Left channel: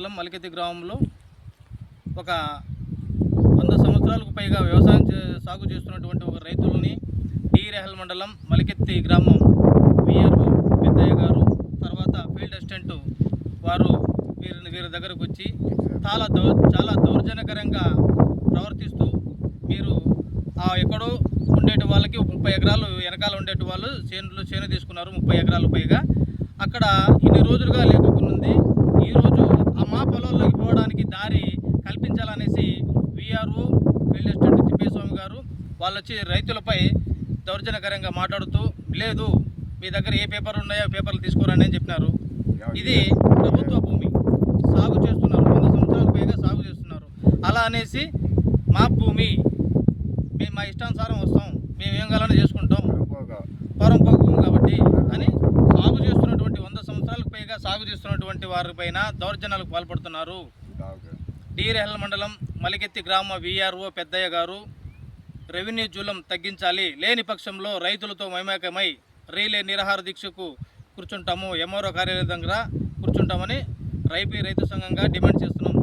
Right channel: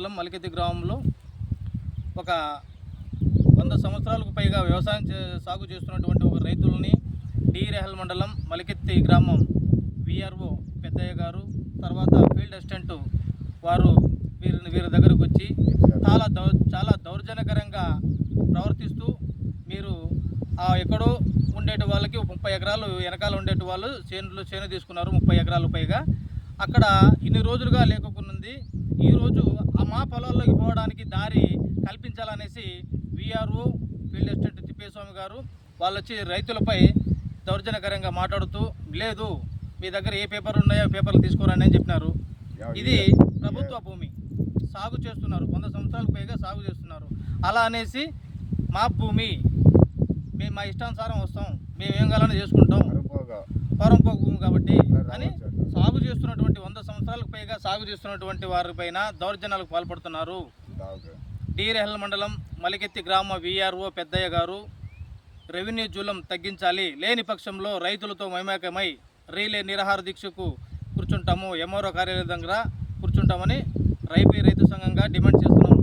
మండలం మలికెత్తి గ్రామంలో ఒక 100 సంవత్సరాలకు పైగా వ్యవసాయం సాగు చేస్తున్నటువంటి ఒక రైతులని రేహల్ మండలం మలికెత్తి గ్రామం విఆర్ఓ పెద్దయ్య గారు తర్వాత ఫీల్డ్ అసిస్టెంట్ వారు వీరి దగ్గరకు వచ్చి చాలా దౌర్జన్యకరంగా ప్రవర్తిస్తూ మీరు ఎక్కడో ఉండేటి వాళ్ళకి 30 ఎకరాలు వెనకాల ఉండేటి వాళ్ళు చేను తీసుకున్నారు 30 ఎకరాలు పైగా అక్కడ ఇన్ని రోజులుగా లేకున్నది. ఈరోజు మా పొలాల్లోకి పోవడానికి దారి కల్పించాలనేసి విఆర్ఓ ఫీల్డ్ అసిస్టెంట్ తిప్పేస్వామి గారు వాళ్ళు వచ్చి రైతులపై దౌర్జన్యకరంగా మాట్లాడుతూ లేదు మీ దగ్గర ఏ పేపర్లు ఉన్నాయో పేపర్లు తీసుకోరండి అని చెప్పినారు. ఇది ప్రభుత్వ భూమి సాగు చేస్తున్నారు, 100 సంవత్సరాలకు పైగా సాగు చేస్తున్నారు. అలా అనేసి మా భూమి మేము మా ఇష్టానుసారం వస్తాం, మేము ఏం కావాలని చేసుకుంటాం, పరంపోక భూమి కాబట్టి అని సాగు చేస్తున్నటువంటి 100 సంవత్సరాలకు పైగా సాగు చేస్తున్నటువంటి వారిపైన దౌర్జన్యాలకు పాల్పడుతున్నారు. రేహల్ మండలం మలికెత్తి గ్రామ విఆర్ఓ పెద్దయ్య గారు రెవెన్యూ జూలం తగ్గించాలి, లేని పక్షంలో రైతులతో మమేకమై రీలే నిరాహార దీక్షకు కూర్చుంటాము, ఎంఆర్ఓ కార్యాలయం దగ్గర కూర్చుంటామని రైతు సంఘంగా డిమాండ్ చేస్తున్నాం.